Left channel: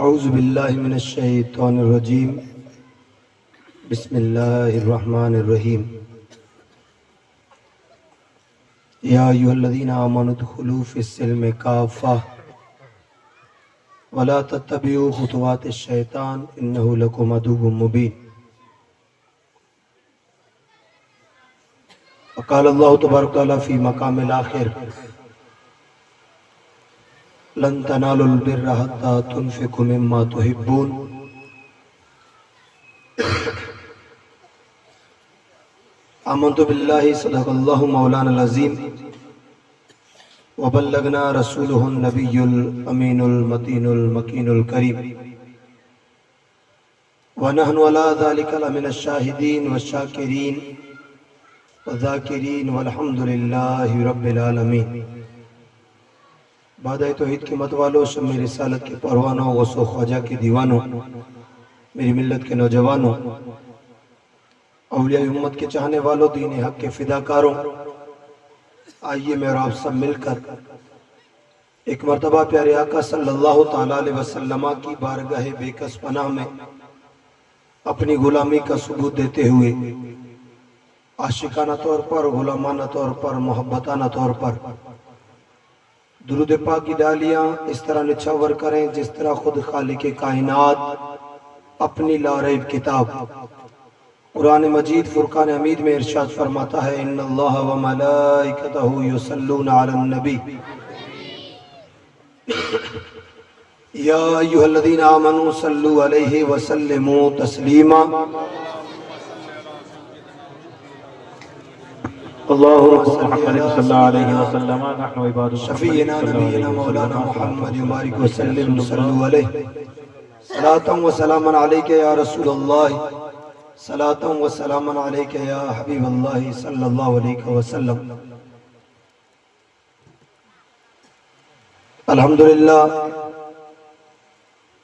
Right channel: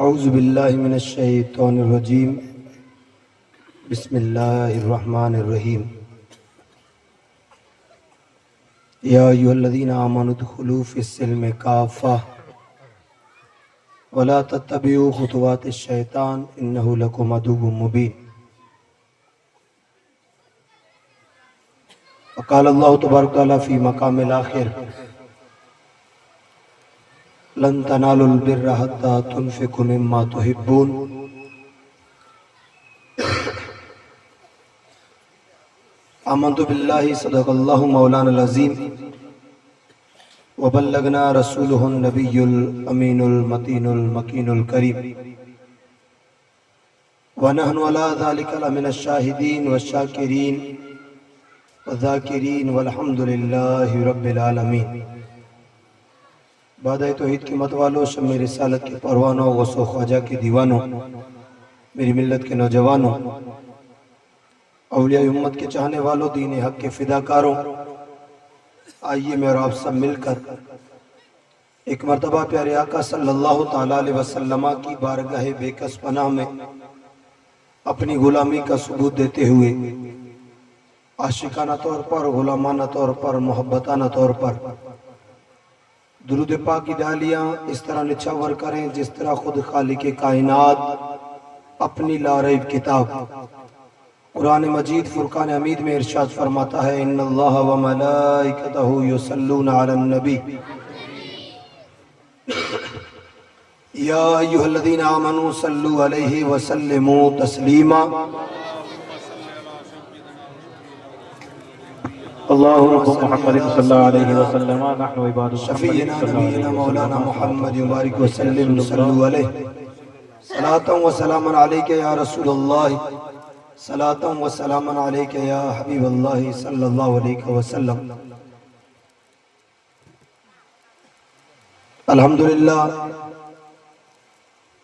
اعوذ باللہ من الشیطان الرجیم بسم اللہ الرحمن الرحیم یا ایھا الذین آمنوا ادخلوا فی السلم کافۃ ولا تتبعوا خطوات الشیطان انہ لکم عدو مبین۔ وقال اللہ تبارک وتعالی فی مقام الآخر لن تنالوا البر حتى تنفقوا مما تحبون۔ آمنت باللہ صدق اللہ مولانا العظیم وبلغنا رسولہ النبی الامین المتین المکین الکریم ونحن علی ذلک لمن الشاہدین والشاکرین والذاکرین والحمد للہ رب العالمین۔ بادہ توحید کی مت والوں، شمع رسالت کے پروانوں، غوث و خواجہ کے دیوانوں، میری ملت کے نوجوانوں، اولیاء امت کے چاہنے والوں، دین حق کے فداکاروں، آئیے میں اور آپ سب مل کر ایک مرتبہ پیارے آقا صلی اللہ تعالیٰ علیہ وسلم کی بارگاہ بے کس پناہ میں اپنی غلامی کا ثبوت دیتے ہوئے عاشقانہ طور پر، غلامانہ طور پر، محبتانہ طور پر درود پاک کی ڈالیاں اس طرح نچھاور کریں جس طرح خود خالق کائنات اپنی لاریب کتاب قرآن مجید فرقان حمید میں ارشاد فرماتا ہے ان اللہ و ملائکتہ یصلون علی النبی یا ایھا الذین آمنوا صلوا علیہ وسلموا تسلیما۔ اللهم محمد صلی اللہ علیہ وسلم نحن عباد شفیعنا نبینا مولانا محمد مبارک وسلم صلو علیہ صلاة و سلاما علیک یا رسول اللہ صلاة و سلاما علیک یا حبیب اللہ صلی اللہ علیہ وسلم۔ الحمدللہ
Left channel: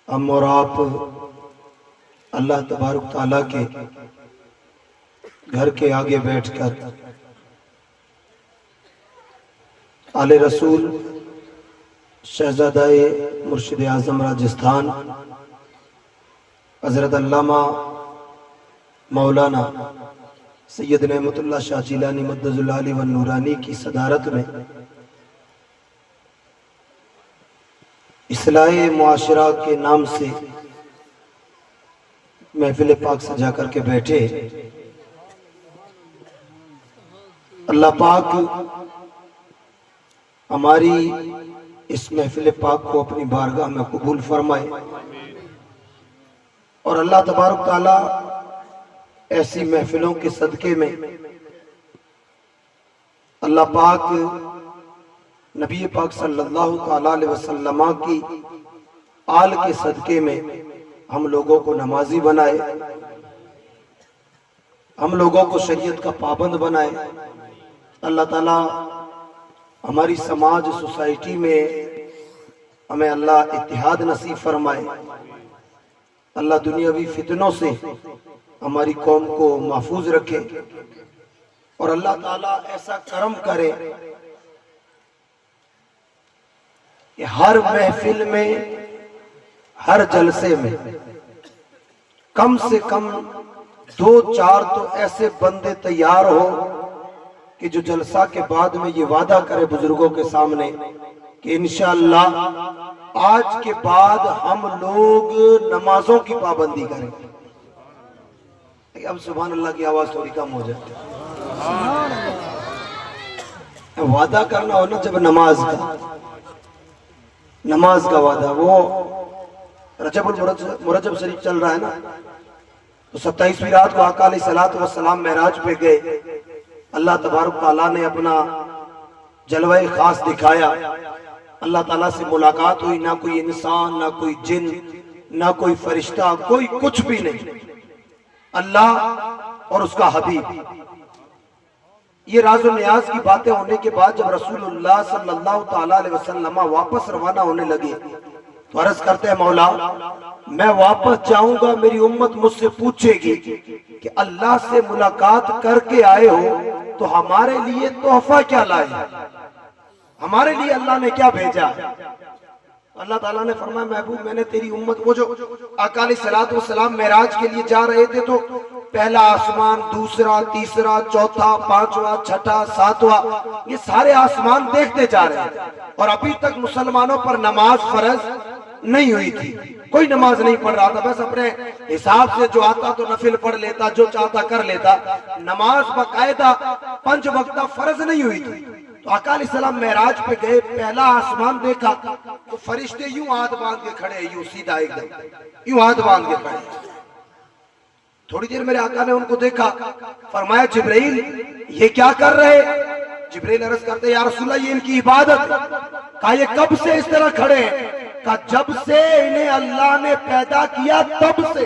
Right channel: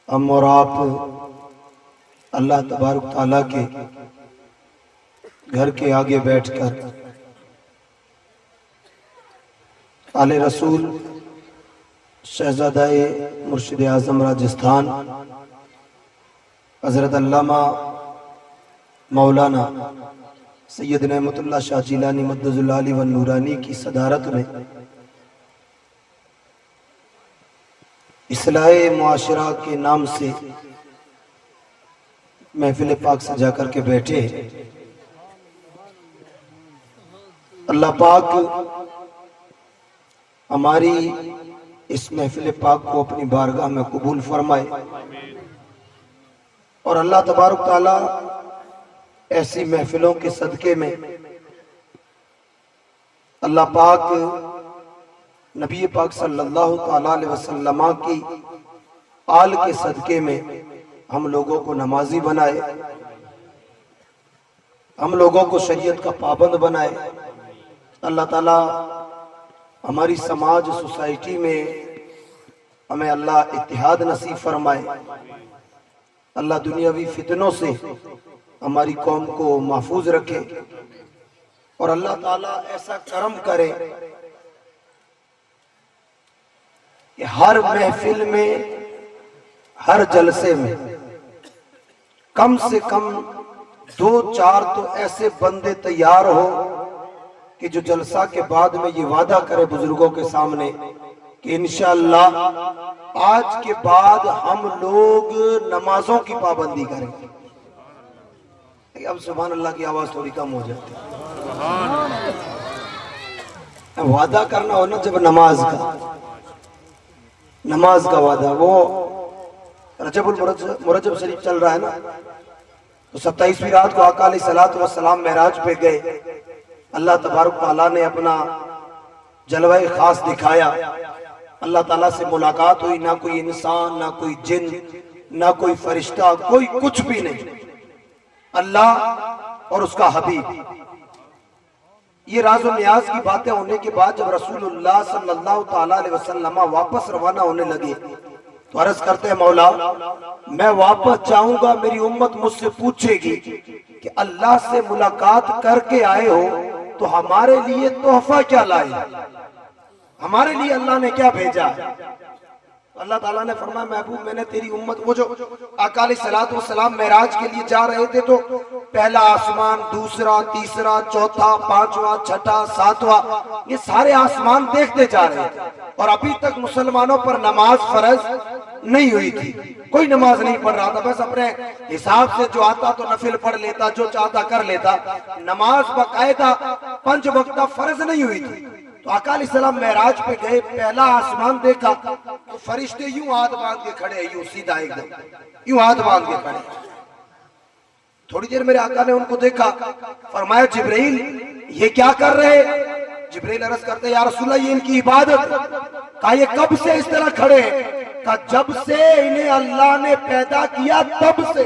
ہم اور آپ اللہ تبارک تعالیٰ کے گھر کے آگے بیٹھ کر آل رسول شہزادہ مرشد اعظم راجستھان حضرت علامہ مولانا سید نعمت اللہ شاہ جیلانی مدد اللہ علیہ والنورانی کی صدارت میں اصلاح معاشرہ کے نام سے محفل پاک سجا کر کے بیٹھے۔ اللہ پاک ہماری اس محفل پاک کو اپنی بارگاہ میں قبول فرمائے اور اللہ تبارک تعالیٰ ایسی محفلوں کے صدقے میں اللہ پاک نبی پاک صلی اللہ تعالیٰ علیہ وسلم کی آل کے صدقے میں ہم لوگوں کو نمازی بنائے، ہم لوگوں کو شریعت کا پابند بنائے۔ اللہ تعالیٰ ہماری سماج سوسائٹی میں ہمیں اللہ اتحاد نصیب فرمائے، اللہ دنیاوی فتنوں سے ہماری قوم کو محفوظ رکھے اور اللہ تعالیٰ ایسا کرم کرے کہ ہر محفل میں، ہر جلسے میں کم سے کم 2-4 تو ایسے بندے تیار ہو کہ جو جلسہ کے بعد میں یہ وعدہ کرے بزرگوں کے سامنے کہ انشاءاللہ آج کے بعد ہم لوگ نمازوں کی پابندی کریں گے۔ اب سبحان اللہ کی آواز تھوڑی کم ہو جاتی ہے۔ وعدہ کرنا ہو نا جب نماز کا وعدہ، وہ رجب المرجب شریف چل رہا ہے نا، تو 27ویں رات کو آقا علیہ السلام معراج پہ گئے، اللہ تبارک تعالیٰ نے اپنا جلوہ خاص دکھایا، اللہ تعالیٰ سے ملاقات ہوئی، نہ کوئی انسان، نہ کوئی جن، نہ کوئی فرشتہ، کوئی کچھ بھی نہیں، اللہ اور اس کا حبیب۔ یہ راز و نیاز کی باتیں ہونے کے بعد جب رسول اللہ صلی اللہ تعالیٰ علیہ وسلم واپس روانہ ہونے لگے تو عرض کرتے ہیں مولا میں واپس جاؤں گا، میری امت مجھ سے پوچھے گی کہ اللہ سے ملاقات کر کے آئے ہو تو ہمارے لیے تحفہ کیا لائے، ہمارے لیے اللہ نے کیا بھیجا؟ اللہ تعالیٰ نے فرمایا محبوب میں نے تیری امت، وہ جو آقا علیہ الصلوۃ والسلام معراج کے لیے جا رہے تھے تو پہلا آسمان، دوسرا، تیسرا، چوتھا، پانچواں، چھٹا، ساتواں، یہ سارے آسمان دیکھتے جا رہے تھے، اور ابھی تک مسلمانوں پر نماز فرض نہیں ہوئی تھی، کوئی نماز نہیں پڑھ رہا تھا، بس اپنے حساب سے جو آتا تو نفل پڑھ لیتا، جو چاہتا کر لیتا، نماز باقاعدہ 5 وقتہ فرض نہیں ہوئی تھی۔ تو آقا علیہ السلام معراج پہ گئے، پہلا آسمان دیکھا تو فرشتے یوں ہاتھ باندھ کے کھڑے، یوں سیدھا ایک دم یوں ہاتھ باندھ کے کھڑے۔ تھوڑی دیر میرے آقا نے ان کو دیکھا، فرمایا جبرائیل یہ کیا کر رہے؟ جبرائیل عرض کرتے یا رسول اللہ یہ ان کی عبادت ہے۔ کہا یہ کب سے اس طرح کھڑے ہیں؟ کہا جب سے انہیں اللہ نے پیدا کیا تب سے۔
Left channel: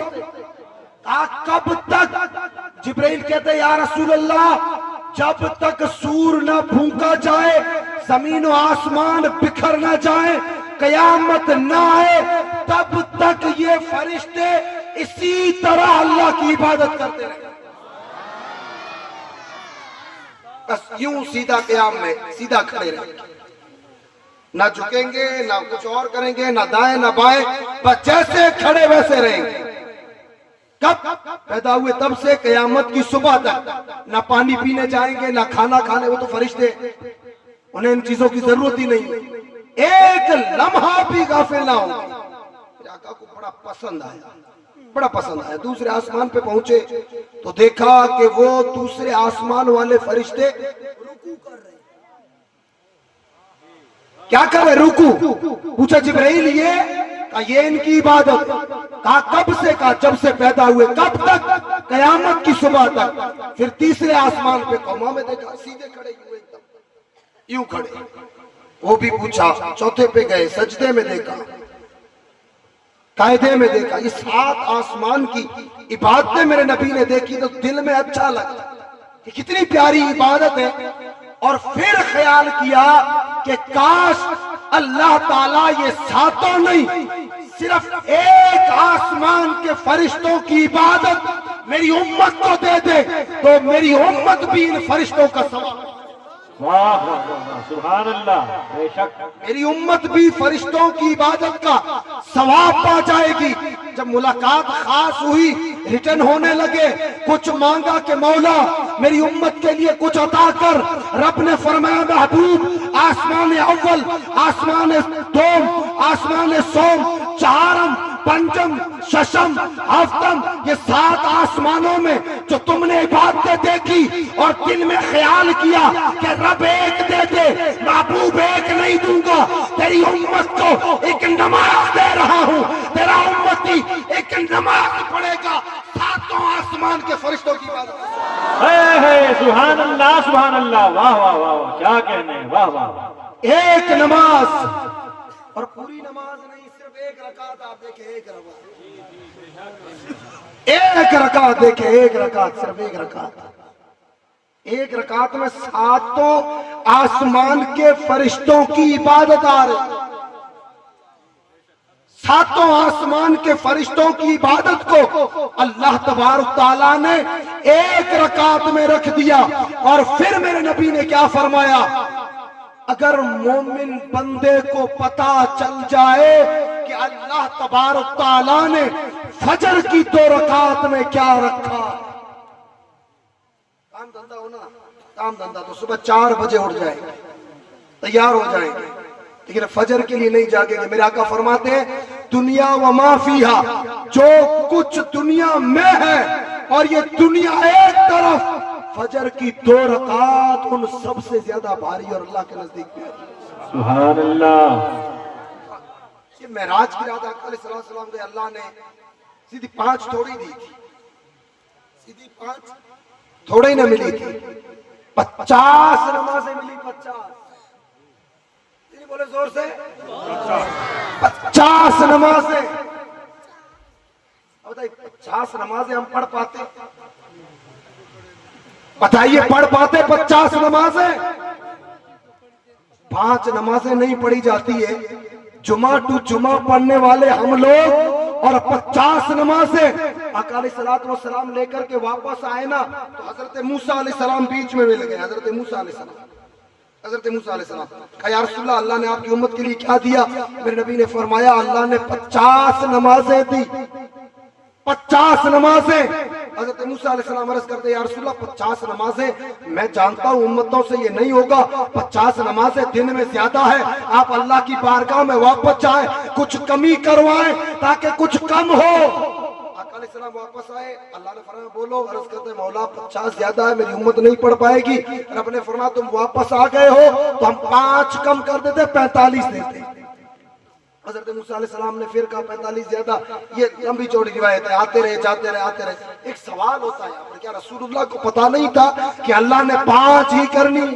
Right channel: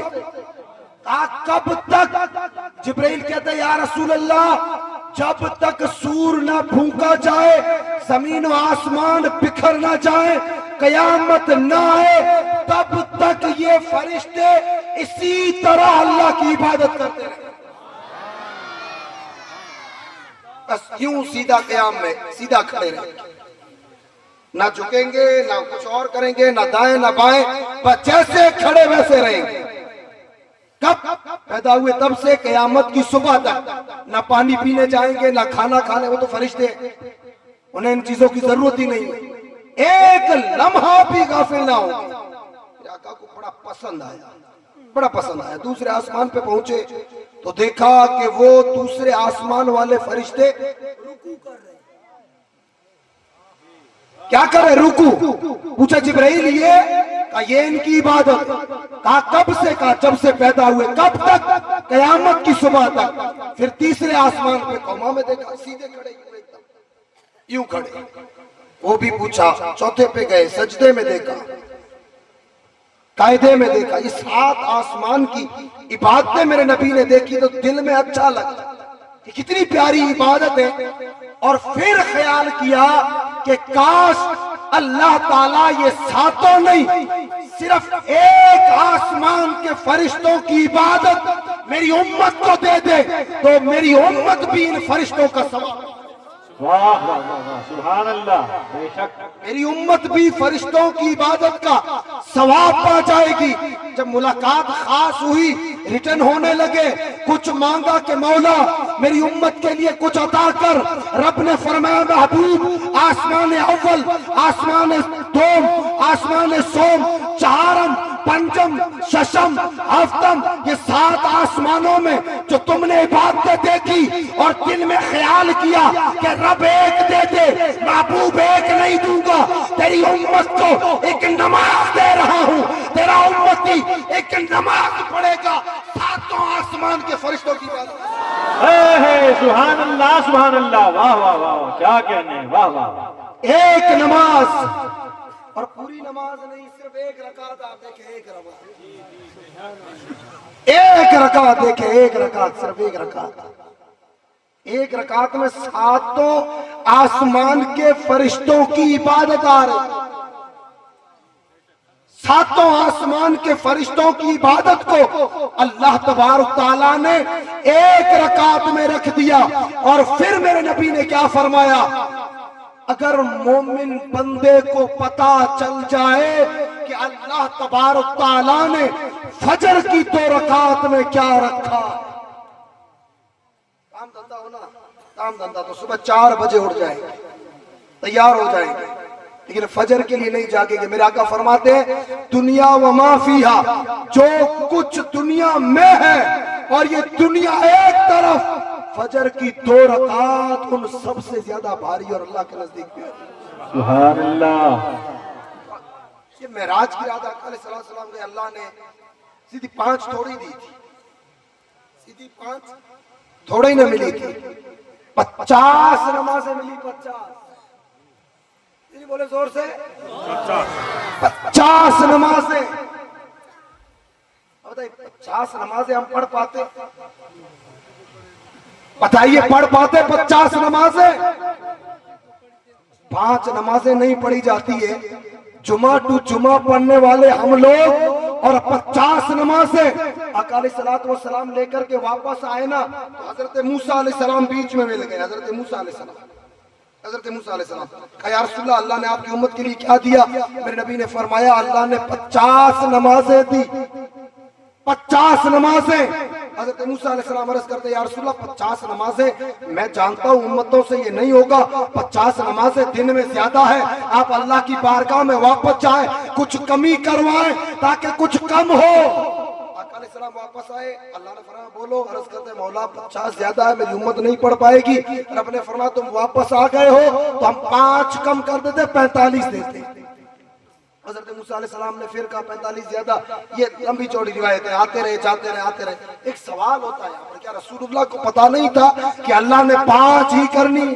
کہا کب تک؟ جبرائیل کہتے یا رسول اللہ جب تک سور نہ پھونکا جائے، زمین و آسمان بکھر نہ جائے، قیامت نہ آئے، تب تک یہ فرشتے اسی طرح اللہ کی عبادت کرتے رہے۔ بس یوں سیدھا قیام میں سیدھا کھڑے رہے، نہ جھکیں گے، نہ کچھ اور کریں گے، نہ دائیں نہ بائیں، بس جیسے کھڑے ویسے رہیں گے۔ کب پیدا ہوئے؟ تب سے قیامت کی صبح تک، نہ پانی پینے جائیں گے، نہ کھانا کھانے، وہ تو فرشتے انہیں ان چیزوں کی ضرورت ہی نہیں، ایک لمحہ بھی غافل نہ ہوں گے۔ میرے آقا کو بڑا پسند آیا، دوسرے آسمان پہ پہنچے تو دیکھا کہ وہ دوسرے آسمان والے فرشتے رکوع کر رہے ہیں۔ کیا کر رہے؟ رکوع۔ پوچھا جبرائیل یہ ان کی عبادت؟ کہا کب سے؟ کہا جب سے پیدا ہوئے۔ کب تک؟ قیامت کی صبح تک۔ پھر تیسرے آسمان پہ قوما میں دیکھا، سیدھے کھڑے ہوئے، یوں کھڑے، وہ بھی پوچھا۔ چوتھے پہ گئے، سجدے میں دیکھا، قاعدے میں دیکھا۔ یہ 7 آسمان کی عبادتیں میرے نبی نے دیکھی تو دل میں اچھا لگا کہ کتنی پیاری عبادت ہے، اور پھر خیال کیا کہ کاش اللہ تعالیٰ یہ 7 نہیں، صرف ایک آسمان کے فرشتوں کی عبادت میری امت کو دے دے تو میری امت بھی ان فرشتوں کا ثواب، واہ واہ واہ، سبحان اللہ، بے شک میری امت بھی فرشتوں کی عبادت کا ثواب پا جائے گی۔ جب ملاقات خاص ہوئی، ریٹرن ہونے لگے، کچھ مانگا کہ مولا میری امت کے لیے کچھ عطا کر۔ رب نے فرمایا محبوب آسمان اول، آسمان دوم، آسمان سوم، چہارم، پنجم، ششم، ہفتم، یہ 7 آسمانوں میں جو تم نے عبادتیں دیکھی اور دل میں خیال کیا کہ رب ایک دے دے، محبوب ایک نہیں دوں گا، تیری امت کو ایک نماز دے رہا ہوں، تیرا امتی ایک نماز پڑھے گا 7 آسمان کے فرشتوں کی عبادت۔ اے سبحان اللہ، سبحان اللہ، واہ واہ واہ، کیا کہنے، واہ واہ، ایک نماز، اور پوری نماز نہیں، صرف ایک رکعت آپ دیکھیں، ایک رکعت دیکھیں، ایک رکعت، صرف ایک رکعت، ایک رکعت میں 7 آسمان کے فرشتوں کی عبادت آ رہی، 7 آسمان کے فرشتوں کی عبادت کو اللہ تبارک تعالیٰ نے ایک رکعت میں رکھ دیا۔ اور پھر میرے نبی نے کیا فرمایا؟ اگر مومن بندے کو پتا چل جائے کہ اللہ تبارک تعالیٰ نے فجر کی 2 رکعت میں کیا رکھا، کام دھندا ہونا، کام دھندا تو صبح 4 بجے اٹھ جائیں گے، تیار ہو جائیں گے، لیکن فجر کے لیے نہیں جاگیں گے۔ میرے آقا فرماتے ہیں دنیا و ما فیہا، جو کچھ دنیا میں ہے اور یہ دنیا ایک طرف، فجر کی 2 رکعات ان سب سے زیادہ بھاری اور اللہ کے نزدیک پیاری۔ سبحان اللہ۔ یہ معراج کی رات آقا علیہ السلام کے اللہ نے سیدھی 5 تھوڑی دی تھی، سیدھی 5 تھوڑی نہ ملی تھی، 50 نمازیں ملی، 50 بولے زور سے، 50 نمازیں۔ 50 نمازیں ہم پڑھ پاتے؟ بتائیے پڑھ پاتے 50 نمازیں؟ 5 نمازیں نہیں پڑھی جاتی ہے، جمعہ ٹو جمعہ پڑھنے والے ہم لوگ، اور 50 نمازیں۔ آقا علیہ السلام لے کر کے واپس آئے نا تو حضرت موسیٰ علیہ السلام بیچ میں مل گئے، حضرت موسیٰ علیہ السلام حضرت موسیٰ علیہ السلام کہا یا رسول اللہ اللہ نے آپ کی امت کے لیے کیا دیا؟ میرے نبی نے فرمایا اللہ نے 50 نمازیں دی، 50 نمازیں۔ حضرت موسیٰ علیہ السلام عرض کرتے یا رسول اللہ 50 نمازیں، میں جانتا ہوں امتوں سے یہ نہیں ہوگا، 50 نمازیں دن میں زیادہ ہے، آپ اللہ کی بارگاہ میں واپس جائیں، کچھ کمی کروائیں تاکہ کچھ کم ہو۔ آقا علیہ السلام واپس آئے، اللہ نے فرمایا بولو، عرض کرتے مولا 50 زیادہ ہے، میری امت نہیں پڑھ پائے گی۔ رب نے فرمایا تم واپس آ گئے ہو تو ہم 5 کم کر دیتے، 45 دیتے۔ حضرت موسیٰ علیہ السلام نے پھر کہا 45 زیادہ، یہ لمبی چوڑی روایت ہے، آتے رہے جاتے رہے آتے رہے۔ ایک سوال ہوتا ہے یہاں پر، کیا رسول اللہ کو پتا نہیں تھا کہ اللہ نے 5 ہی کرنی،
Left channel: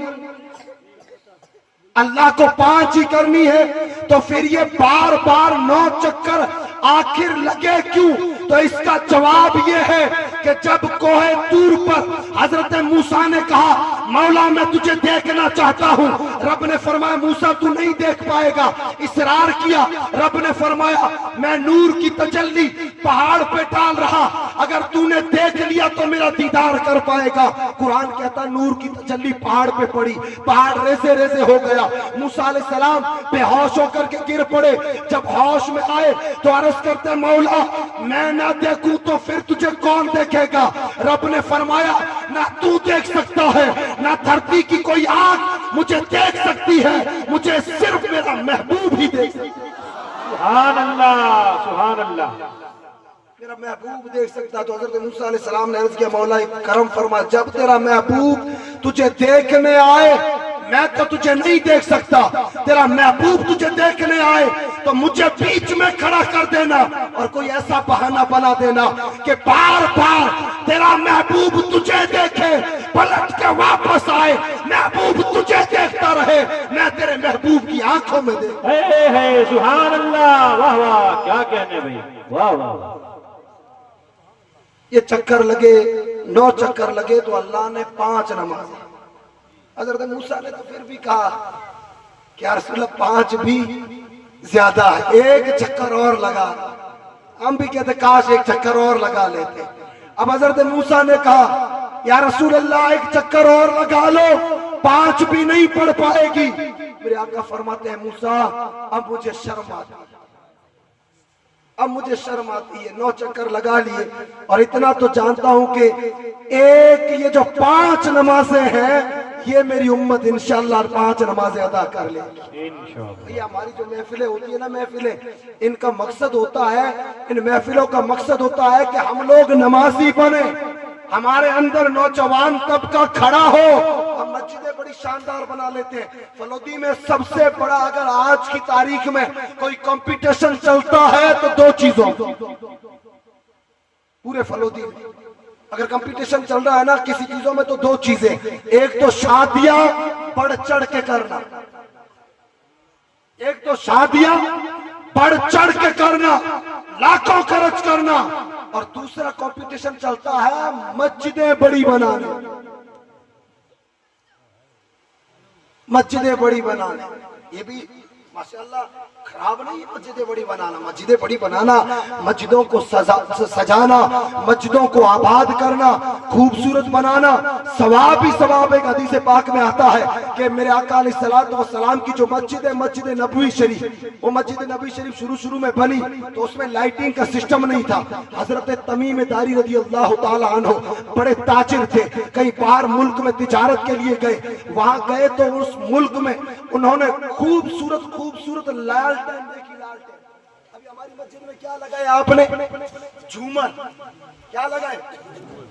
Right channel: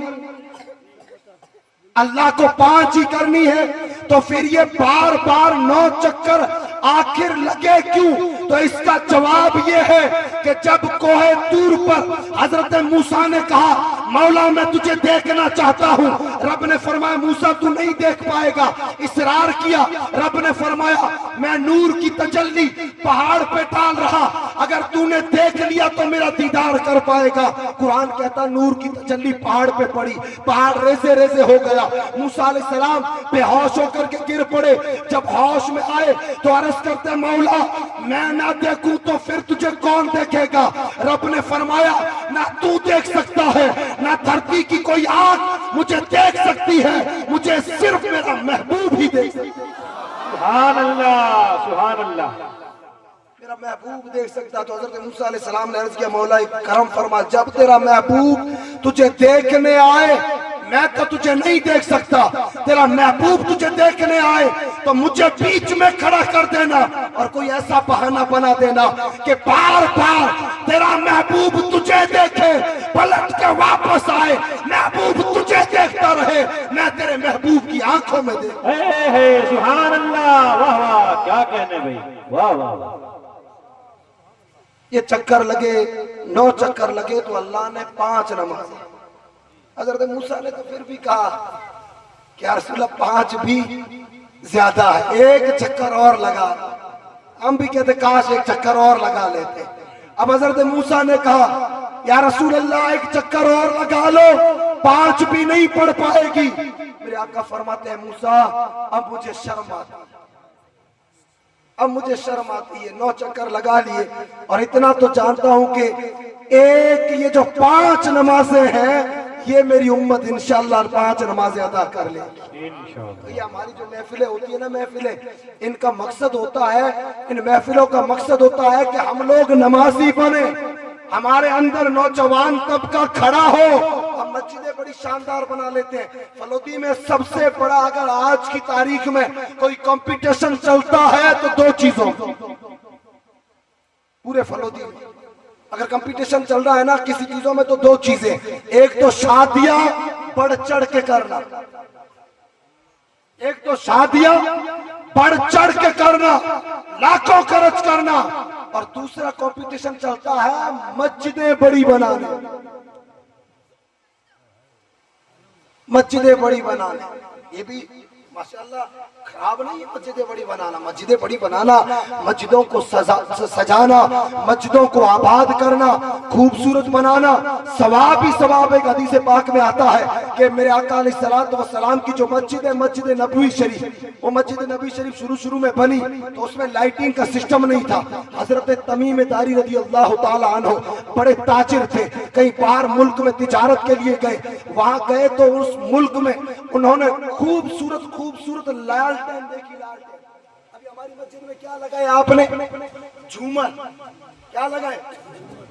اللہ کو 5 ہی کرنی ہے؟ تو پھر یہ بار بار 9 چکر آخر لگے کیوں؟ تو اس کا جواب یہ ہے کہ جب کوہ طور پر حضرت موسیٰ نے کہا مولا میں تجھے دیکھنا چاہتا ہوں، رب نے فرمایا موسیٰ تو نہیں دیکھ پائے گا۔ اصرار کیا، رب نے فرمایا میں نور کی تجلی پہاڑ پہ ڈال رہا، اگر تو نے دیکھ لیا تو میرا دیدار کر پائے گا۔ قرآن کہتا نور کی تجلی پہاڑ پہ پڑی، پہاڑ ریزے ریزے ہو گیا، موسیٰ علیہ السلام بے ہوش ہو کر کے گر پڑے۔ جب ہوش میں آئے تو عرض کرتے مولا میں نہ دیکھوں تو پھر تجھے کون دیکھے گا؟ رب نے فرمایا نہ تو دیکھ سکتا ہے نہ دھرتی کی کوئی آنکھ مجھے دیکھ سکتی ہے، مجھے صرف میرا محبوب ہی دیکھ سکتا ہے۔ سبحان اللہ سبحان اللہ، میرا محبوب دیکھ سکتا ہے۔ تو حضرت موسیٰ علیہ السلام نے عرض کیا مولا کرم فرما، جب تیرا محبوب تجھے دیکھنے آئے میں تو تجھے نہیں دیکھ سکتا، تیرا محبوب تجھے دیکھنے آئے تو مجھے بیچ میں کھڑا کر دینا اور کوئی ایسا بہانہ بنا دینا کہ بار بار تیرا محبوب تجھے دیکھے، پلٹ کے واپس آئے، محبوب تجھے دیکھتا رہے، میں تیرے محبوب کی آنکھوں میں دیکھ۔ ہے سبحان اللہ، واہ واہ کیا کہنے بھائی، واہ واہ واہ۔ یہ چکر لگے، 9 چکر لگے تو اللہ نے 5 نمازیں۔ حضرت موسیٰ نے تو پھر بھی کہا کہ یا رسول اللہ 5 بھی زیادہ ہے، 1 چکر اور لگا۔ ہم بھی کہتے کاش 1 چکر اور لگا لیتے۔ اب حضرت موسیٰ نے کہا یا رسول اللہ 1 چکر اور لگا لو، 5 بھی نہیں پڑھ پائے گی۔ میرے آقا فرماتے ہیں موسیٰ اب مجھے شرم آتی ہے، اب مجھے شرم آتی ہے، 9 چکر لگا لیے اور اتنا تو جانتا ہوں کہ یہ جو 5 نمازیں ہیں یہ میری امت انشاءاللہ 5 نمازیں ادا کر لے گی۔ یہ ہماری جو محفلیں ہوتی ہیں نا، محفلیں ان کا مقصد ہوتا ہے، ان محفلوں کا مقصد ہوتا ہے کہ ہم لوگ نمازی بنے، ہمارے اندر نوجوان طبقہ کھڑا ہو۔ ہم مسجدیں بڑی شاندار بنا لیتے ہیں۔ فلودی میں سب سے بڑا اگر آج کی تاریخ میں کوئی کمپٹیشن چلتا ہے تو 2 چیزوں پورے فلودی میں اگر کمپٹیشن چل رہا ہے نا کسی چیزوں میں تو 2 چیزیں، ایک تو شادیاں بڑھ چڑھ کے کرنا، ایک تو شادیاں بڑھ چڑھ کے کرنا، لاکھوں خرچ کرنا، اور دوسرا کمپٹیشن چلتا ہے مسجدیں بڑی بنانے، مسجدیں بڑی بنانے۔ یہ بھی ماشاءاللہ خراب نہیں ہے مسجدیں بڑی بنانا، مسجدیں بڑی بنانا، مسجدوں کو سجانا، مسجدوں کو آباد کرنا، خوبصورت بنانا، ثواب ہی ثواب۔ ایک حدیث پاک میں آتا ہے کہ میرے آقا علیہ السلام کی جو مسجد ہے مسجد نبوی شریف، وہ مسجد نبوی شریف شروع میں بنی تو اس میں لائٹنگ کا سسٹم نہیں تھا۔ حضرت تمیم داری رضی اللہ تعالی عنہ بڑے تاجر تھے، کئی بار ملک میں تجارت کے لیے گئے، وہاں گئے تو اس ملک میں انہوں نے خوبصورت لالٹین دیکھی، لالٹین۔ ابھی ہماری مسجد میں کیا لگا ہے آپ نے؟ جھومر۔ کیا لگا ہے؟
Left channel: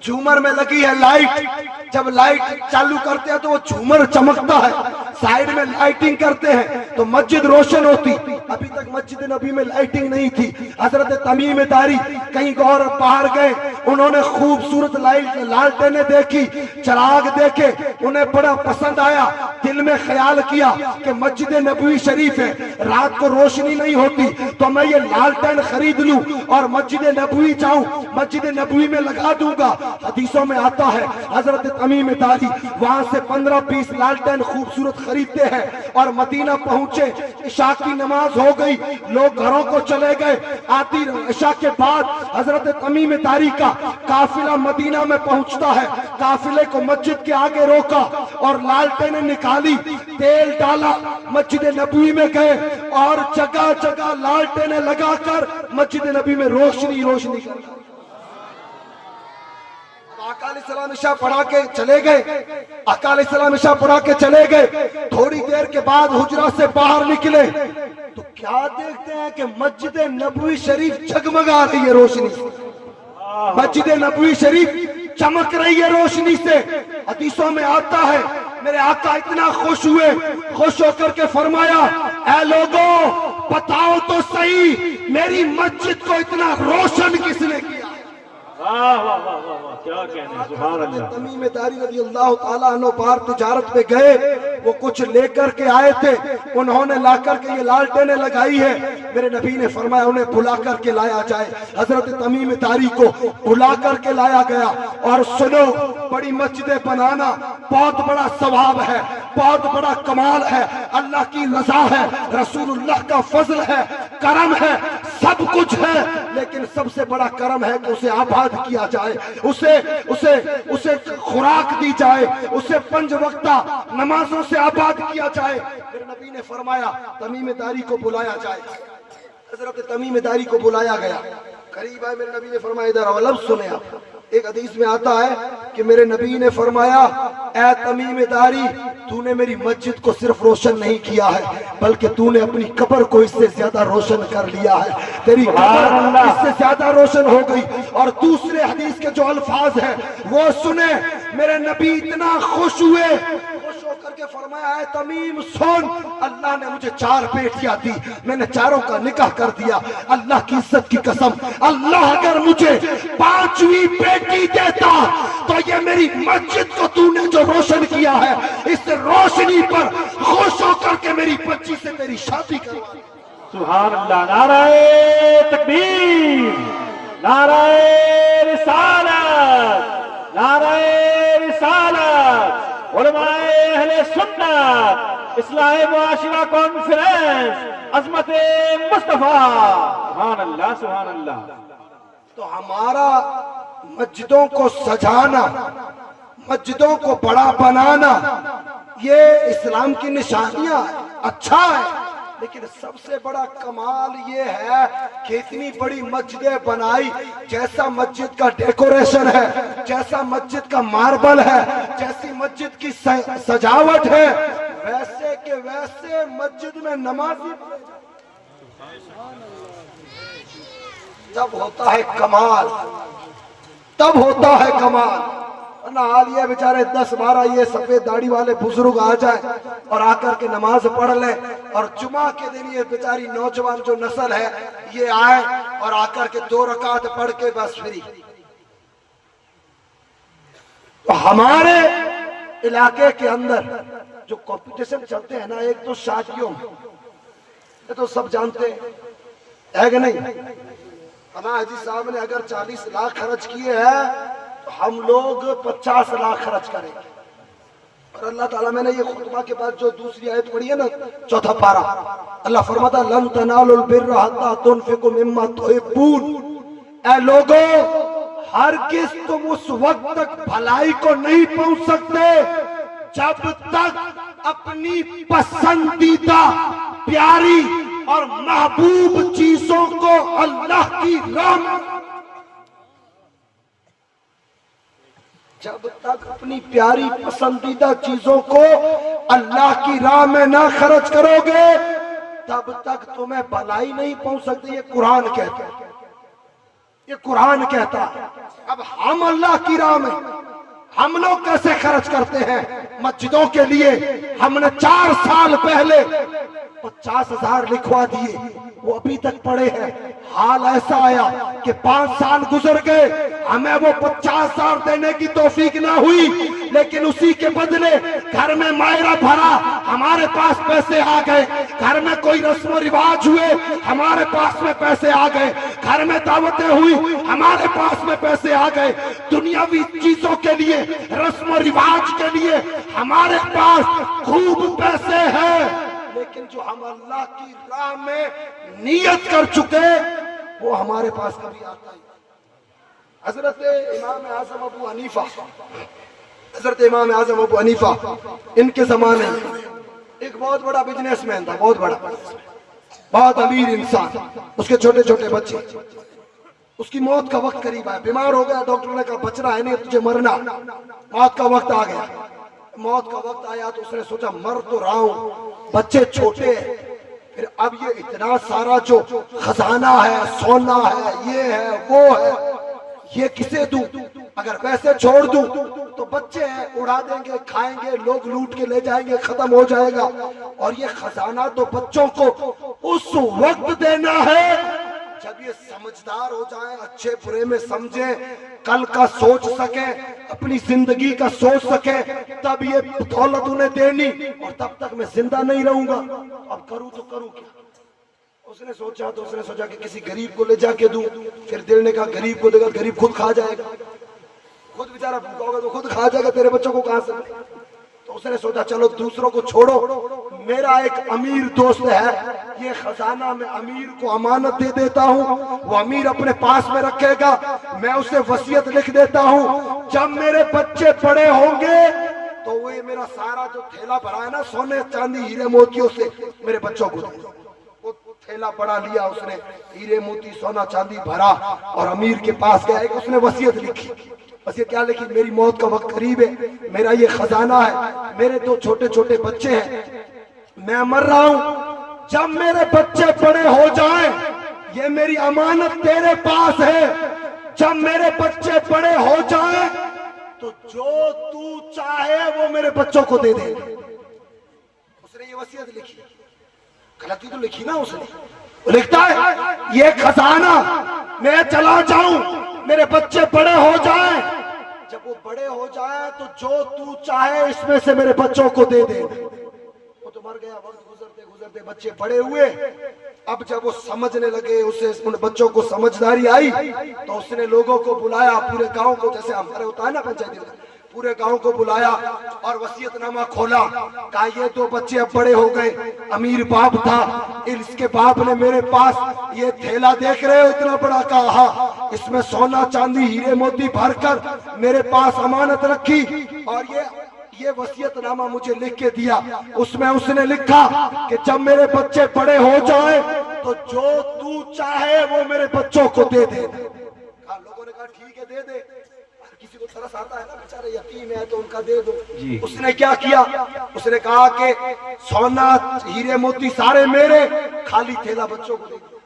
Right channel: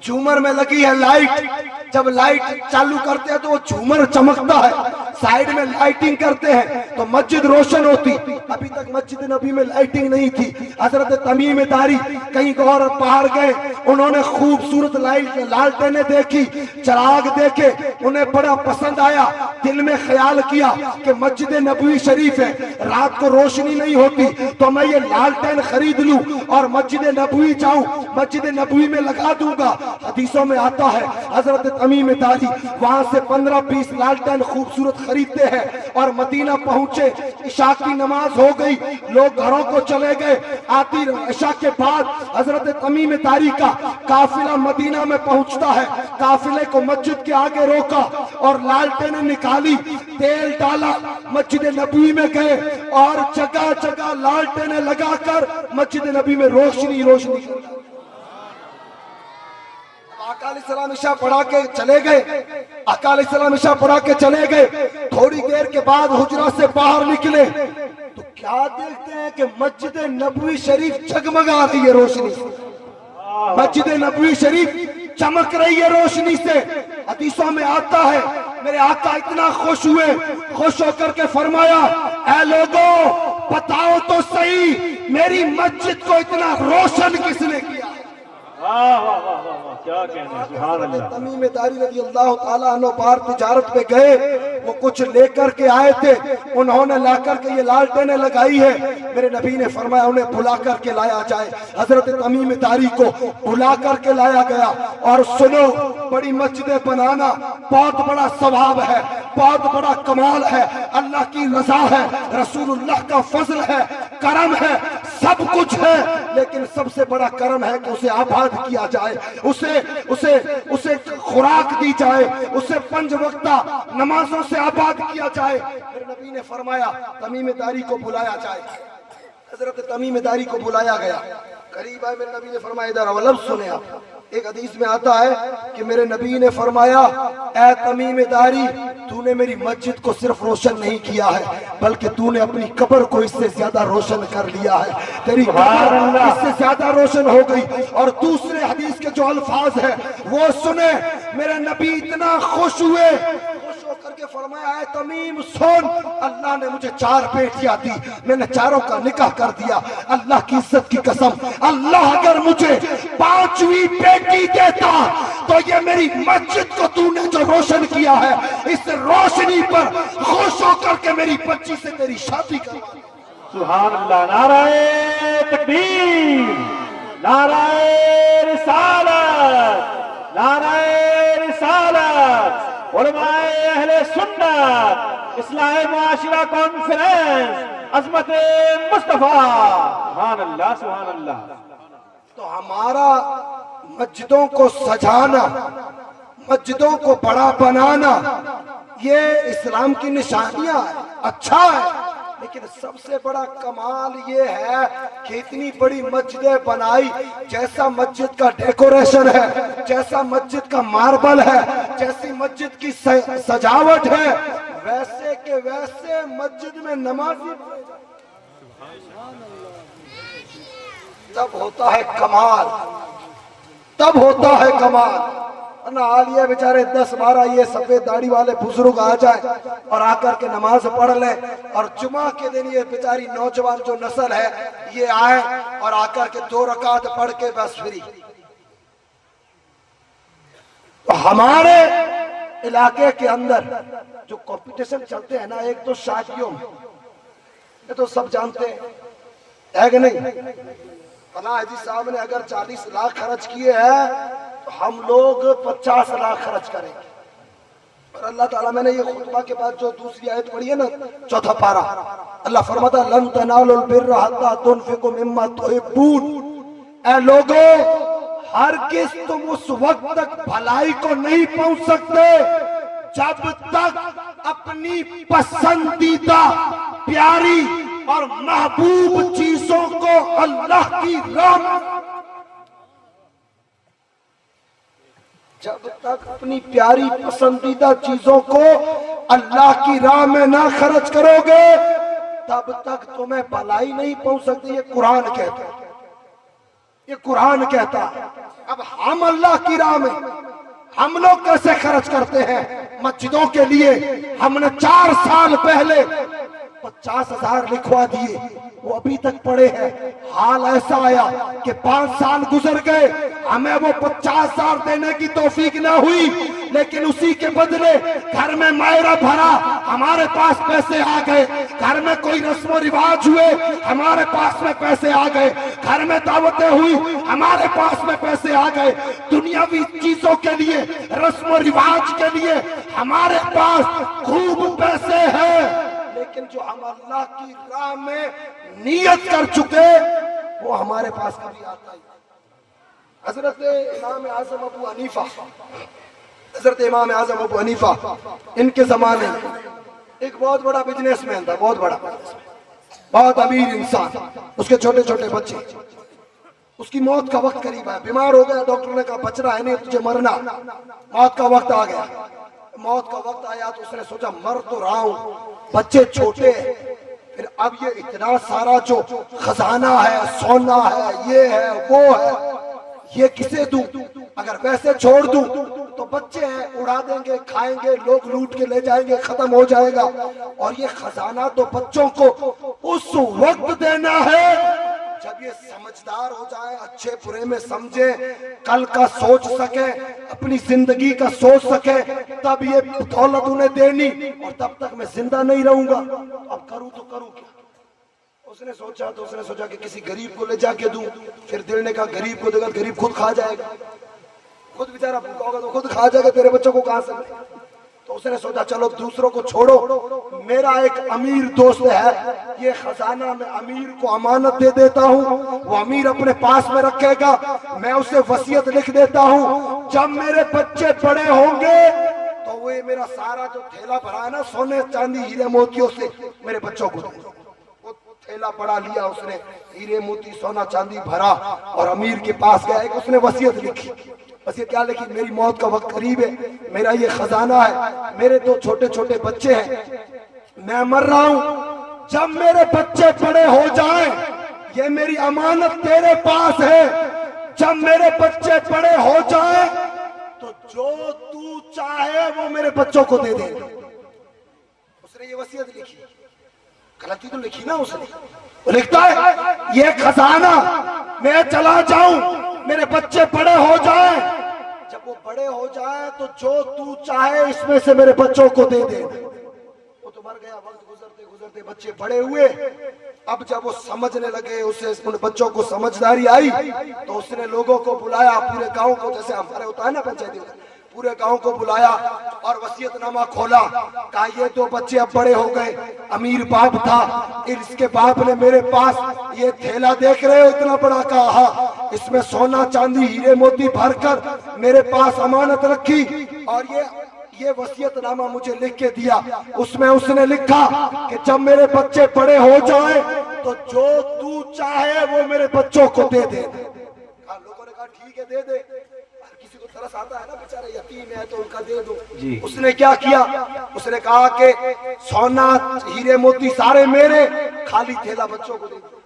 جھومر میں لگی ہے لائٹ، جب لائٹ چالو کرتے ہیں تو وہ جھومر چمکتا ہے، سائیڈ میں لائٹنگ کرتے ہیں تو مسجد روشن ہوتی۔ ابھی تک مسجد نبی میں لائٹنگ نہیں تھی۔ حضرت تمیم داری کہیں اور باہر گئے، انہوں نے خوبصورت لالٹینیں دیکھی، چراغ دیکھے، انہیں بڑا پسند آیا، دل میں خیال کیا کہ مسجد نبوی شریف ہے، رات کو روشنی نہیں ہوتی تو میں یہ لالٹین خرید لوں اور مسجد نبوی جاؤں، مسجد نبوی میں لگا دوں گا۔ حدیثوں میں آتا ہے حضرت تمیم داری وہاں سے 15-20 لالٹین خوبصورت خریدتے ہیں اور مدینہ پہنچے، عشاء کی نماز ہو گئی، لوگ گھروں کو چلے گئے۔ آتی عشاء کے بعد حضرت تمیم تمیم داری کا قافلہ مدینہ میں پہنچتا ہے. قافلے کو مسجد کے آگے روکا اور لالٹینیں نکالی, تیل ڈالا, مسجد نبوی میں گئے اور جگہ جگہ لالٹینیں لگا کر مسجد نبی میں روشنی روشنی کر. آقا علیہ السلام عشاء پڑھا کے چلے گئے. آقا علیہ السلام عشاء پڑھا کے چلے گئے. تھوڑی دیر کے بعد حجرہ سے باہر نکلے تو کیا دیکھتے ہیں کہ مسجد نبوی شریف جگمگا رہی ہے روشنی سے. مسجد نبوی شریف چمک رہی ہے روشنی سے. حدیثوں میں آتا ہے میرے آقا اتنا خوش ہوئے, خوش ہو کر کے فرمایا, اے لوگوں بتاؤ تو صحیح میری مسجد کو اتنا روشن کس نے کیا. کیا کہنے, سبحان اللہ. تمیم داری رضی اللہ تعالیٰ عنہ باہر تجارت پہ گئے, وہ کچھ لے کر کے آئے تھے, انہوں نے لا کر کے یہ لالٹینیں لگائی ہے. میرے نبی نے فرمایا انہیں بلا کر کے لایا جائے. حضرت تمیم داری کو بلا کر کے لایا گیا. اور سنو, بڑی مسجدیں بنانا بہت بڑا ثواب ہے, بہت بڑا کمال ہے, اللہ کی رضا ہے, رسول اللہ کا فضل ہے, کرم ہے, سب کچھ ہے. لیکن سب سے بڑا کرم ہے کہ اسے آباد کیا جائے, اسے خوراک دی جائے, اسے 5 وقتہ نمازوں سے آباد کیا جائے. پھر نبی نے فرمایا تمیم داری کو بلایا جائے. حضرت تمیم داری کو بلایا گیا, قریب آئے. میرے نبی نے فرمایا ادھر آؤ. لفظ سنیں آپ. ایک حدیث میں آتا ہے کہ میرے نبی نے فرمایا, اے تمیم داری, تو نے میری مسجد کو صرف روشن نہیں کیا ہے بلکہ تو نے اپنی قبر کو اس سے زیادہ روشن کر لیا ہے. تیری قبر اس سے زیادہ روشن ہو گئی. اور دوسرے حدیث کے جو الفاظ ہیں وہ سنیں. میرے نبی اتنا خوش ہوئے, خوش ہو کر کے فرمایا, اے تمیم سن, اللہ نے مجھے 4 بیٹیاں دی, میں نے چاروں کا نکاح کر دیا. اللہ کی عزت کی قسم, اللہ اگر مجھے 5ویں بیٹی دیتا تو یہ میری مسجد کو تو نے جو روشن کیا ہے اس روشنی پر خوش ہو کر کے میری بچی سے تیری شادی کر. سبحان اللہ. نعرہ تکبیر, نعرہ رسالت, نعرہ رسالت. علماء اہل سنت اصلاح معاشرہ کانفرنس, عظمت مصطفیٰ. سبحان اللہ, سبحان اللہ. تو ہمارا مسجدوں کو سجانا, مسجدوں کو بڑا بنانا یہ اسلام کی نشانیاں ہے, اچھا ہے. لیکن سب سے بڑا کمال یہ ہے کہ اتنی بڑی مسجدیں بنائی, جیسا مسجد کا ڈیکوریشن ہے, جیسا مسجد کا ماربل ہے, جیسی مسجد کی سجاوٹ ہے, ویسے کہ ویسے مسجد میں نمازی پڑھے جاتے. تب ہوتا ہے کمال, تب ہوتا ہے کمال. نا عالیہ بیچارے 10-12 یہ سفید داڑھی والے بزرگ آ جائے اور آ کر کے نماز پڑھ لے, اور جمعہ کے دن یہ بیچاری نوجوان جو نسل ہے یہ آئے اور آ کر کے 2 رکعت پڑھ کے بس فری. تو ہمارے علاقے کے اندر جو کمپٹیشن چلتے ہیں نا, ایک تو شادیوں میں, یہ تو سب جانتے ہیں کہ نہیں. فلاں حاجی صاحب نے اگر 40 لاکھ خرچ کیے ہیں تو ہم لوگ 50 لاکھ خرچ کریں گے. اور اللہ تعالیٰ میں نے یہ خطبہ کے بعد جو دوسری آیت پڑھی ہے نا, 4 پارہ, اللہ فرماتا لن تنالوا البر حتی تنفقوا مما تحبون. اے لوگوں, ہرگز تم اس وقت تک بھلائی کو نہیں پہنچ سکتے جب تک اپنی پسندیدہ, پیاری اور محبوب چیزوں کو اللہ کی راہ میں, جب تک اپنی پیاری پسندیدہ چیزوں کو اللہ کی راہ میں نہ خرچ کرو گے تب تک تمہیں بھلائی نہیں پہنچ سکتی. یہ قرآن کہتا ہے, یہ قرآن کہتا ہے. اب ہم اللہ کی راہ میں ہم لوگ کیسے خرچ کرتے ہیں مسجدوں کے لیے. ہم نے 4 سال پہلے 50,000 لکھوا دیے, وہ ابھی تک پڑے ہیں. حال ایسا آیا کہ 5 سال گزر گئے, ہمیں وہ 50,000 دینے کی توفیق نہ ہوئی, لیکن اسی کے بدلے گھر میں مائرہ بھرا, ہمارے پاس پیسے آ گئے. گھر میں کوئی رسم و رواج ہوئے, ہمارے پاس میں پیسے آ گئے. گھر میں دعوتیں ہوئی, ہمارے پاس میں پیسے آ گئے. دنیاوی چیزوں کے لیے, رسم و رواج کے لیے ہمارے پاس خوب پیسے ہیں, لیکن جو ہم اللہ کی راہ میں نیت کر چکے وہ ہمارے پاس کبھی آتا ہی. حضرت امام اعظم ابو حنیفہ، حضرت امام اعظم ابو حنیفہ ان کے زمانے میں ایک بہت بڑا بزنس مین تھا، بہت بڑا، بہت امیر انسان، اس کے چھوٹے چھوٹے بچے، اس کی موت کا وقت قریب آیا، بیمار ہو گیا، ڈاکٹر نے کہا بچنا ہے نہیں، تجھے مرنا، موت کا وقت آ گیا، موت کا وقت آیا تو اس نے سوچا مر تو رہا ہوں، بچے چھوٹے ہیں، پھر اب یہ اتنا سارا جو خزانہ ہے، سونا ہے، یہ ہے وہ ہے، یہ کسے دوں؟ اگر ویسے چھوڑ دوں تو بچے ہیں اڑا دیں گے، کھائیں گے، لوگ لوٹ کے لے جائیں گے، ختم ہو جائے گا، اور یہ خزانہ تو بچوں کو اس وقت دینا ہے جب یہ سمجھدار ہو جائیں، اچھے برے میں سمجھیں، کل کا سوچ سکیں، اپنی زندگی کا سوچ سکیں، تب یہ دولت انہیں دینی، اور تب تک میں زندہ نہیں رہوں گا، اب کروں تو کروں کیا؟ اس نے سوچا کہ کسی غریب کو لے جا کے دوں، پھر دینے کا غریب کو دے گا، غریب خود کھا جائے گا، خود بیچارہ بھوکا ہوگا تو خود کھا جائے گا، تیرے بچوں کو کہاں سے؟ تو اس نے سوچا چلو دوسروں کو چھوڑو، میرا ایک امیر دوست ہے، یہ خزانہ میں امیر کو امانت دے دیتا ہوں، وہ امیر اپنے پاس میں رکھے گا، میں اسے وصیت لکھ دیتا ہوں، جب میرے بچے بڑے ہوں گے تو وہ میرا سارا جو تھیلا بھرا ہے نا سونے چاندی ہیرے موتیوں سے، میرے بچوں کو دے۔ تھیلا بڑا لیا اس نے، ہیرے موتی سونا چاندی بھرا، اور امیر کے پاس گیا، اس نے وصیت لکھی، وصیت کیا لکھی؟ میری موت کا وقت قریب ہے، میرا یہ خزانہ ہے، میرے دو چھوٹے چھوٹے بچے ہیں، میں مر رہا ہوں، جب میرے بچے بڑے ہو جائیں، یہ میری امانت تیرے پاس ہے، جب میرے بچے بڑے ہو جائیں تو جو تو چاہے وہ میرے بچوں کو دے دے۔ اس نے یہ وصیت لکھی، غلطی تو لکھی نا اس نے، وہ لکھتا ہے یہ خزانہ میں چلا جاؤں، میرے بچے بڑے ہو جائیں، جب وہ بڑے ہو جائیں تو جو تو چاہے اس میں سے میرے بچوں کو دے دے۔ وہ تو مر گیا، وقت گزرتے گزرتے بچے بڑے ہوئے، اب جب وہ سمجھنے لگے، اسے ان بچوں کو سمجھداری آئی تو اس نے لوگوں کو بلایا، پورے گاؤں کو، جیسے ہمارے ہوتا ہے نا پنچایتی، پورے گاؤں کو بلایا اور وصیت نامہ کھولا، کہا یہ دو بچے اب بڑے ہو گئے، امیر باپ تھا، اس کے باپ نے میرے پاس یہ تھیلا دیکھ رہے ہو اتنا بڑا، کہا اس میں سونا چاندی ہیرے موتی بھر کر میرے پاس امانت رکھی، اور یہ وصیت نامہ مجھے لکھ کے دیا، اس میں اس نے لکھا کہ جب میرے بچے بڑے ہو جائیں تو جو تو چاہے وہ میرے بچوں کو دے دے۔ لوگوں نے کہا ٹھیک ہے دے دے، کسی کو ترس آتا ہے نا بیچارے یتیم ہے تو ان کا دے دو۔ اس نے کیا کیا؟ اس نے کہا کہ سونا ہیرے موتی سارے میرے، خالی تھیلا بچوں کو دے دیا،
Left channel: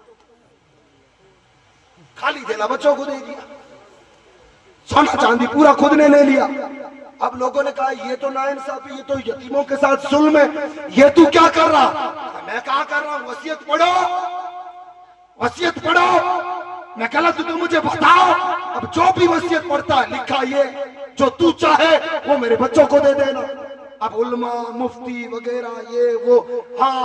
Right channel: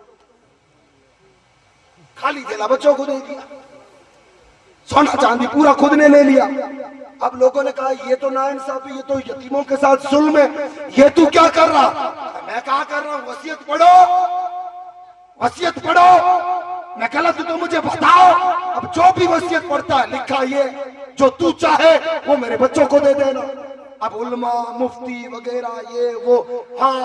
خالی تھیلا بچوں کو دے دیا، سونا چاندی پورا خود نے لے لیا۔ اب لوگوں نے کہا یہ تو ناانصافی، یہ تو یتیموں کے ساتھ ظلم ہے، یہ تو کیا کر رہا؟ میں کہا کر رہا ہوں وصیت پڑھو، وصیت پڑھو، میں غلط تو مجھے بتاؤ، اب جو بھی وصیت پڑھتا ہے لکھا یہ جو تو چاہے وہ میرے بچوں کو دے دینا۔ اب علماء مفتی وغیرہ یہ وہ، ہاں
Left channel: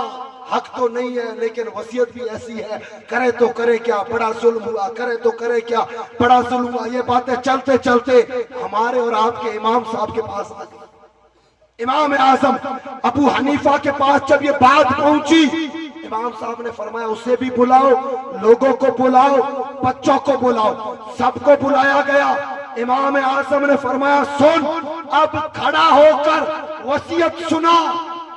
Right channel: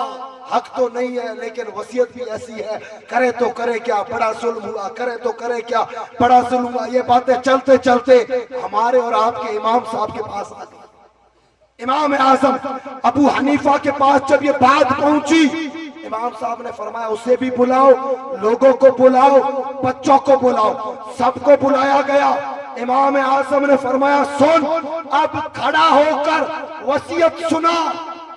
حق تو نہیں ہے لیکن وصیت بھی ایسی ہے، کرے تو کرے کیا، بڑا ظلم ہوا، کرے تو کرے کیا، بڑا ظلم ہوا، یہ باتیں چلتے چلتے ہمارے اور آپ کے امام صاحب کے پاس آ گئی۔ امام اعظم ابو حنیفہ کے پاس جب یہ بات پہنچی، امام صاحب نے فرمایا اسے بھی بلاؤ، لوگوں کو بلاؤ، بچوں کو بلاؤ، سب کو بلایا گیا۔ امام اعظم نے فرمایا سن، اب کھڑا ہو کر وصیت سنا۔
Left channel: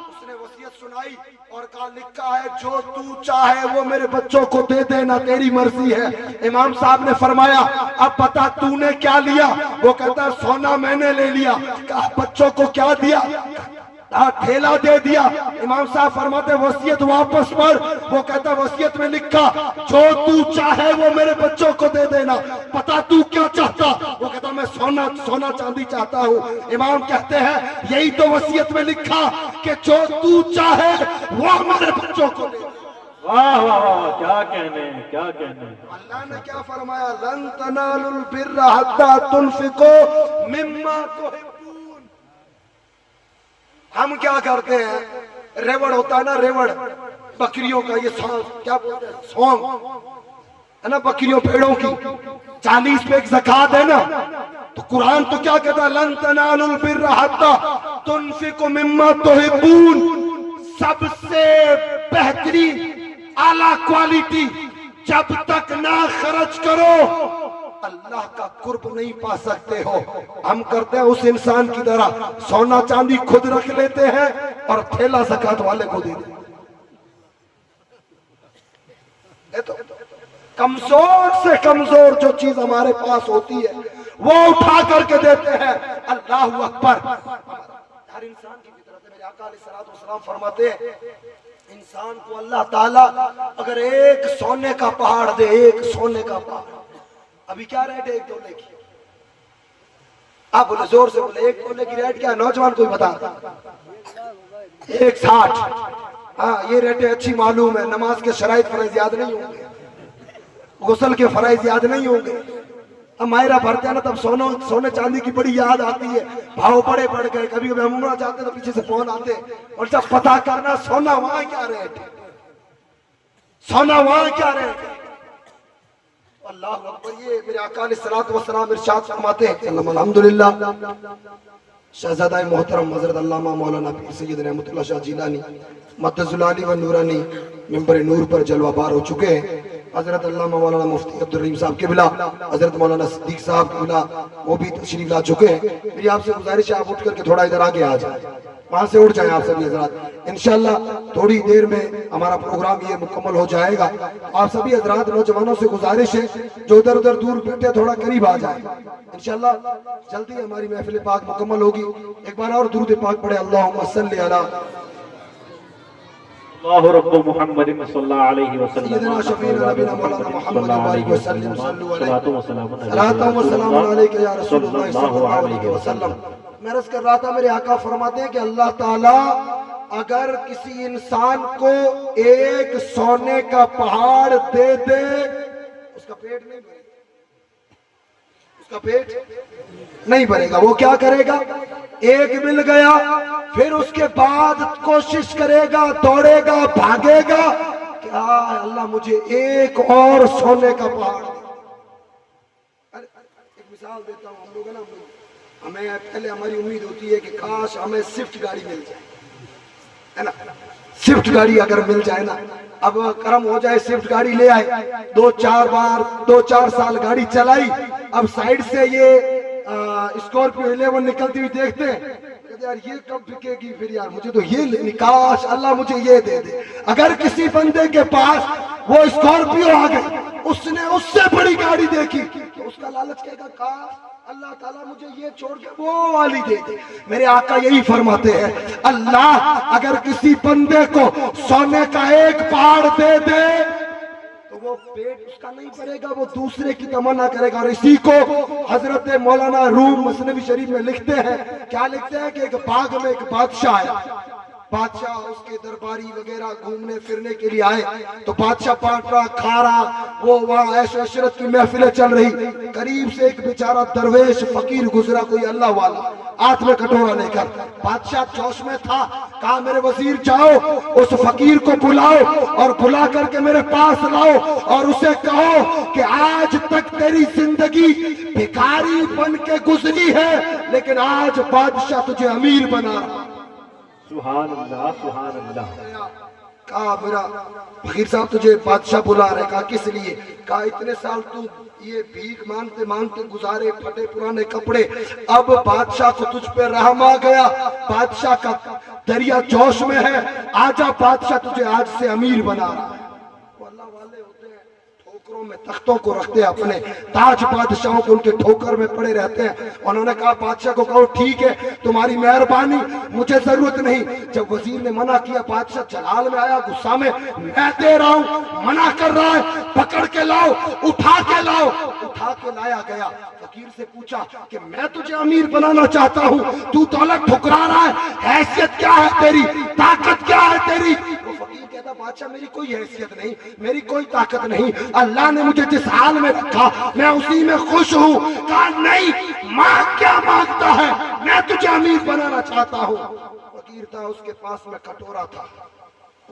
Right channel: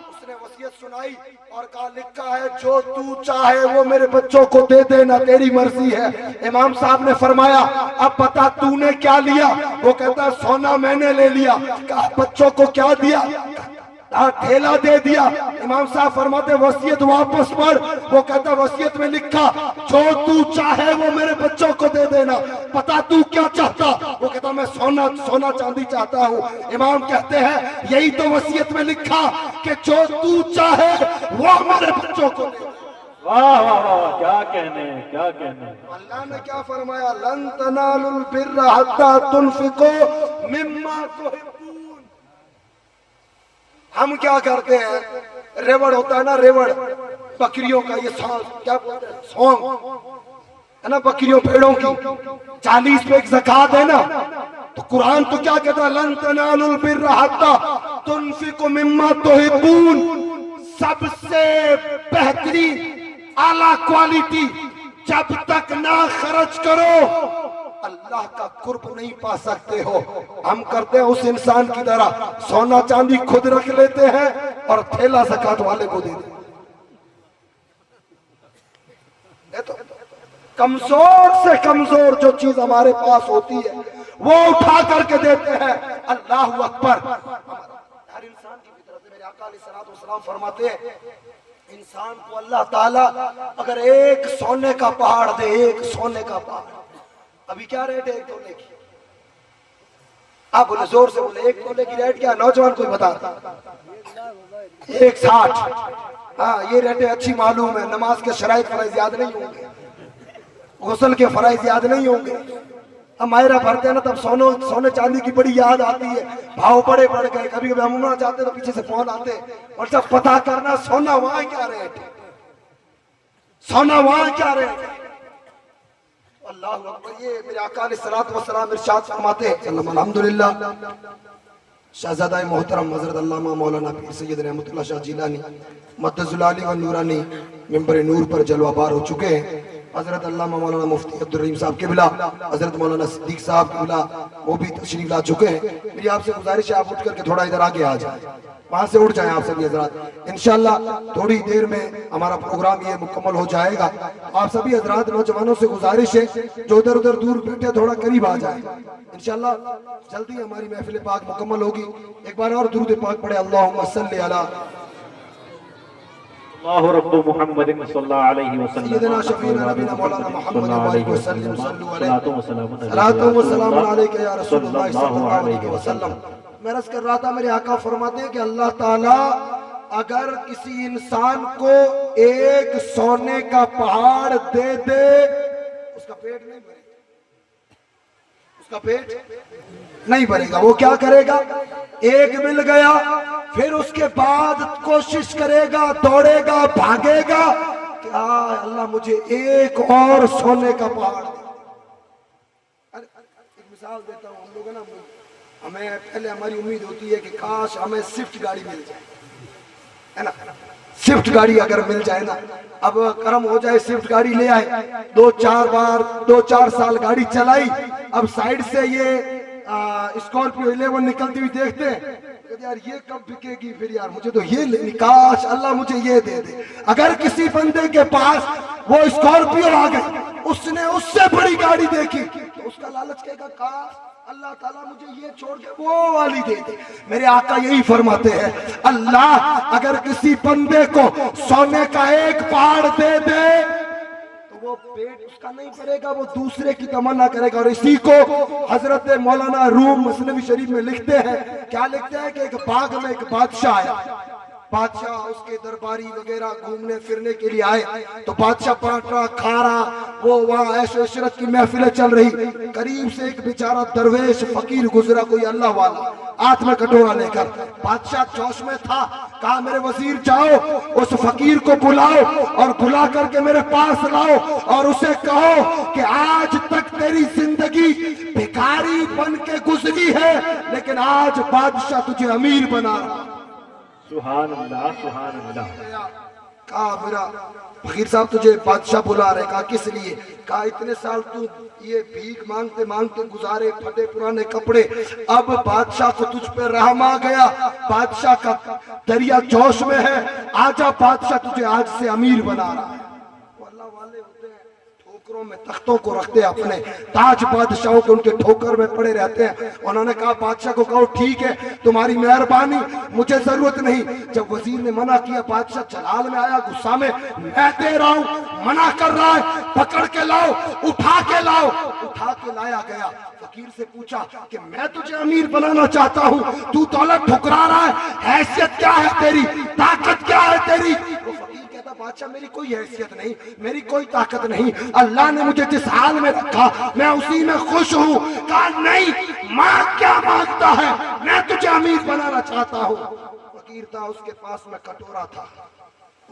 اس نے وصیت سنائی اور کہا لکھا ہے جو تو چاہے وہ میرے بچوں کو دے دینا، تیری مرضی ہے۔ امام صاحب نے فرمایا اب پتا تو نے کیا لیا؟ وہ کہتا ہے سونا میں نے لے لیا۔ کہا بچوں کو کیا دیا؟ تھیلا دے دیا۔ امام صاحب فرماتے وصیت واپس پڑھ۔ وہ کہتا وصیت میں لکھا جو تو چاہے وہ میرے بچوں کو دے دینا، پتا تو کیا چاہتا؟ وہ کہتا میں سونا چاندی چاہتا ہوں۔ امام کہتے ہیں یہی تو وصیت میں لکھا کہ جو تو چاہے وہ میرے بچوں کو دے دینا۔ واہ واہ واہ، کیا کہنے ہیں، کیا کہنے ہیں۔ اللہ نے کیا فرمایا؟ لن تنالوا البر حتى تنفقوا مما تحبون۔ ہم کیا کرتے ہیں؟ ریوڑ ہوتا ہے نا، ریوڑ بکریوں کا، یہ کیا بولتے ہیں، سونگ ہے نا بکریوں بھیڑوں کی، 40 پہ ایک زکوٰۃ ہے نا، تو قرآن تو کیا کہتا ہے؟ لن تنالوا البر حتى تنفقوا مما تحبون۔ سب سے بہترین اعلیٰ کوالٹی جب تک نہ خرچ کرو اللہ کا قرب نہیں پا سکتے ہو. ہم کرتے ہیں اس انسان کی طرح سونا چاندی خود رکھ لیتے ہیں اور تھیلا زکات والے کو دے دیتے. کمزور سے کمزور جو چیز ہمارے پاس ہوتی ہے وہ اٹھا کر کے دیتے ہیں. اللہ اکبر. ہر انسان کی فطرت ہے. میرے آقا علیہ الصلوۃ والسلام فرماتے ہیں انسان کو اللہ تعالیٰ اگر ایک سونے کا پہاڑ دے, ایک سونے کا پہاڑ, ابھی کیا ریٹ ہے ایک تولے کی؟ آپ بولے زور سے بولے, ایک تولے کی ریٹ کیا ہے؟ نوجوان کوئی بتا. 160. ہاں یہ ریٹیں اچھی معلوم ہے. نماز کے شرائط فرائض یاد نہیں ہوں گے, غسل کے فرائض یاد نہیں ہوں گے. ہم ماہرہ بھرتے ہیں نا تب سونے چاندی کی بڑی یاد آتی ہے. بھاؤ بڑے بڑھ گئے. کبھی کبھی ہم نہ جاتے تو پیچھے سے فون آتے اور جب پتا کرنا سونا وہاں کیا ریٹ ہے, سونا وہاں کیا ریٹ ہے. اللہ اکبر. یہ میرے آقا علیہ الصلوۃ والسلام ارشاد فرماتے ہیں الحمدللہ شہزادہ محترم حضرت علامہ مولانا پیر سید رحمت اللہ شاہ جیلانی مدد العالی و نورانی ممبر نور پر جلوہ بار ہو چکے ہیں. حضرت علامہ مولانا مفتی عبدالرحیم صاحب قبلہ, حضرت مولانا صدیق صاحب قبلہ وہ بھی تشریف لا چکے ہیں. میری آپ سے گزارش ہے آپ اٹھ کر کے تھوڑا ادھر آگے آ جائیں, وہاں سے اٹھ جائیں آپ سبھی حضرات. انشاءاللہ تھوڑی دیر میں ہمارا پروگرام یہ مکمل ہو جائے گا. آپ سبھی حضرات نوجوانوں سے گزارش ہے جو ادھر ادھر دور بیٹھے تھوڑا قریب آ جائیں. انشاءاللہ جلدی ہماری محفل پاک مکمل ہوگی. ایک بار اور درود پاک پڑھے اللہم صلی علی اللہ رب محمد صلی اللہ علیہ وسلم سیدنا شفیعنا نبینا مولانا محمد وآلہ وسلم صلو علیہ صلاۃ و سلام علیکہ یا رسول اللہ صلی اللہ علیہ وسلم. میں عرض کر رہا تھا میرے آقا فرماتے ہیں کہ اللہ تعالیٰ اگر کسی انسان کو ایک سونے کا پہاڑ دے دے اس کا پیٹ نہیں بھرے گا, اس کا پیٹ نہیں بھرے گا. وہ کیا کرے گا؟ ایک مل گیا پھر اس کے بعد کوشش کرے گا, دوڑے گا, بھاگے گا کہ اللہ مجھے ایک اور سونے کا پہاڑ دے. ایک مثال دیتا ہوں. ہم لوگ ہیں نا, ہمیں پہلے ہماری امید ہوتی ہے کہ کاش ہمیں سوئفٹ گاڑی مل جائے, ہے نا, سوئفٹ گاڑی اگر مل جائے نا, اب کرم ہو جائے سوئفٹ گاڑی لے آئے, 2-4 سال گاڑی چلائی, اب سائیڈ سے یہ اسکارپیو 11 نکلتی ہوئی دیکھتے ہیں یار یہ کب بکے گی, پھر یار مجھے تو یہ لینی, کاش اللہ مجھے یہ دے دے. اگر کسی بندے کے پاس وہ اسکارپیو آ گئی, اس نے اس سے بڑی گاڑی دیکھی تو اس کا لالچ کہے گا کاش اللہ تعالیٰ مجھے یہ چھوڑ کے وہ والی دے دے. میرے آقا یہی فرماتے ہیں اللہ اگر کسی بندے کو سونے کا ایک پہاڑ دے دے تو وہ پیٹ اس کا نہیں بھرے گا, وہ دوسرے کی تمنا کرے گا. اور اسی کو حضرت مولانا روم مثنوی شریف میں لکھتے ہیں, کیا لکھتے ہیں کہ ایک باغ میں ایک بادشاہ آیا. بادشاہ اس کے درباری وغیرہ گھومنے پھرنے کے لیے آئے تو بادشاہ بانٹ رہا, کھا رہا, وہ وہاں عیش و عشرت کی محفلیں چل رہی. قریب سے ایک بیچارہ درویش فقیر گزرا, کوئی اللہ والا, ہاتھ میں کٹورا لے کر. بادشاہ جوش میں تھا, کہا میرے وزیر جاؤ اس فقیر کو بلاؤ اور بلا کر کے میرے پاس لاؤ اور اسے کہو کہ آج تک تیری زندگی بھکاری بن کے گزری ہے لیکن آج بادشاہ تجھے امیر بنا رہا. سبحان اللہ سبحان اللہ. کہا میرا فقیر صاحب تجھے بادشاہ بلا رہے. کہا کس لیے؟ کہا اتنے سال تو یہ بھیک مانگتے مانگتے گزارے, پھٹے پرانے کپڑے, اب بادشاہ کو تجھ پہ رحم آ گیا, بادشاہ کا دریا جوش میں ہے, آجا بادشاہ تجھے آج سے امیر بنا رہا ہے. وہ اللہ والے ہوتے ہیں, ٹھوکروں میں تختوں کو رکھتے ہیں, اپنے تاج بادشاہوں کے ان کے ٹھوکر میں پڑے رہتے ہیں. انہوں نے کہا بادشاہ کو کہو ٹھیک ہے تمہاری مہربانی, مجھے ضرورت نہیں. جب وزیر نے منع کیا, بادشاہ جلال میں آیا, غصہ میں دے رہا ہوں, منع کر رہا ہے, پکڑ کے لاؤ, اٹھا کے لاؤ. اٹھا کے لایا گیا. فقیر سے پوچھا کہ میں تجھے امیر بنانا چاہتا ہوں, تو دولت ٹھکرا رہا ہے, حیثیت کیا ہے تیری, طاقت کیا ہے تیری؟ وہ فقیر کہتا بادشاہ میری کوئی حیثیت نہیں, میری کوئی طاقت نہیں, اللہ نے مجھے جس حال میں رکھا میں اسی میں خوش ہوں. کہا نہیں, ماں کیا مانگتا ہے, میں تجھے امیر بنانا چاہتا ہوں. فقیر تھا, اس کے پاس میں کٹورا تھا,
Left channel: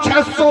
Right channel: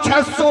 600